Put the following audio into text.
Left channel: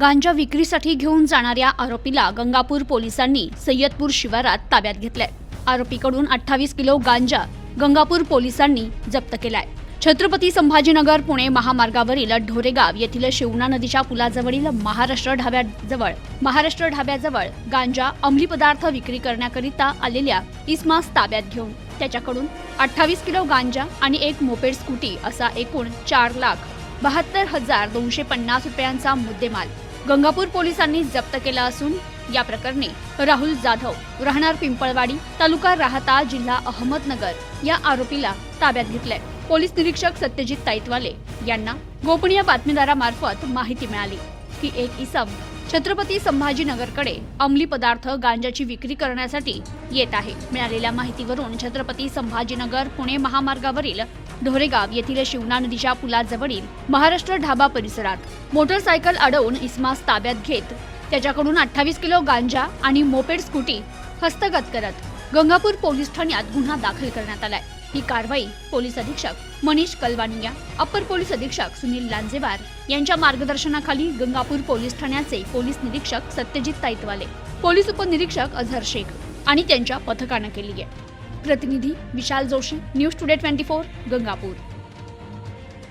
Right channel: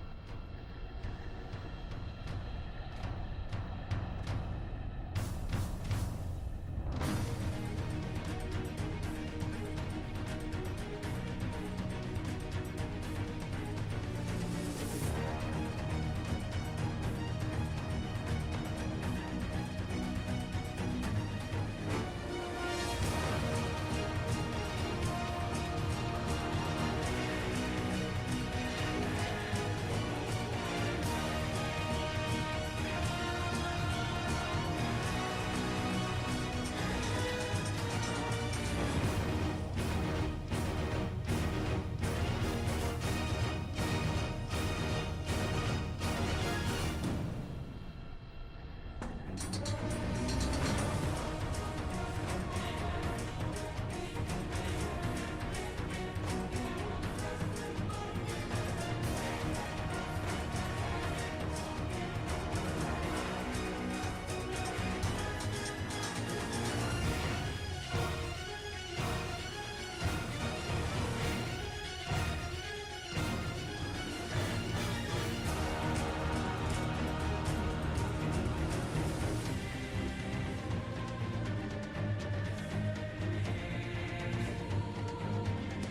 गांजा विक्रीसाठी घेऊन जाणाऱ्या आरोपीला गंगापूर पोलिसांनी सय्यदपूर शिवारात ताब्यात घेतलंय. आरोपीकडून अठ्ठावीस किलो गांजा गंगापूर पोलिसांनी जप्त केलाय. छत्रपती संभाजीनगर पुणे महामार्गावरील ढोरेगाव येथील शिवना नदीच्या पुलाजवळील महाराष्ट्र ढाब्याजवळ महाराष्ट्र ढाब्याजवळ गांजा अंमली पदार्थ विक्री करण्याकरिता आलेल्या इस्मास ताब्यात घेऊन त्याच्याकडून अठ्ठावीस किलो गांजा आणि एक मोपेड स्कूटी असा एकूण चार लाख बहात्तर हजार दोनशे पन्नास रुपयांचा मुद्देमाल गंगापूर पोलिसांनी जप्त केला असून या प्रकरणी राहुल जाधव राहणार पिंपळवाडी तालुका राहता जिल्हा अहमदनगर या आरोपीला ताब्यात घेतलंय. पोलीस निरीक्षक सत्यजित ताईतवाले यांना गोपनीय बातमीदारामार्फत माहिती मिळाली. की एक इसम छत्रपती संभाजीनगरकडे अंमली पदार्थ गांजाची विक्री करण्यासाठी येत आहे. मिळालेल्या माहितीवरून छत्रपती संभाजीनगर पुणे महामार्गावरील ढोरेगाव येथील शिवना नदीच्या पुलाजवळील महाराष्ट्र ढाबा परिसरात मोटरसायकल अडवून इस्मास ताब्यात घेत त्याच्याकडून अठ्ठावीस किलो गांजा आणि मोपेड स्कूटी हस्तगत करत गंगापूर पोलीस ठाण्यात गुन्हा दाखल करण्यात आलाय. ही कारवाई पोलीस अधीक्षक मनीष कलवानिया अप्पर पोलीस अधीक्षक सुनील लांजेवार यांच्या मार्गदर्शनाखाली गंगापूर पोलीस ठाण्याचे पोलीस निरीक्षक सत्यजित ताईतवाले पोलीस उपनिरीक्षक अझहर शेख आणि त्यांच्या पथकानं केली आहे. प्रतिनिधी Vishal Joshi news today twenty four Gangapur.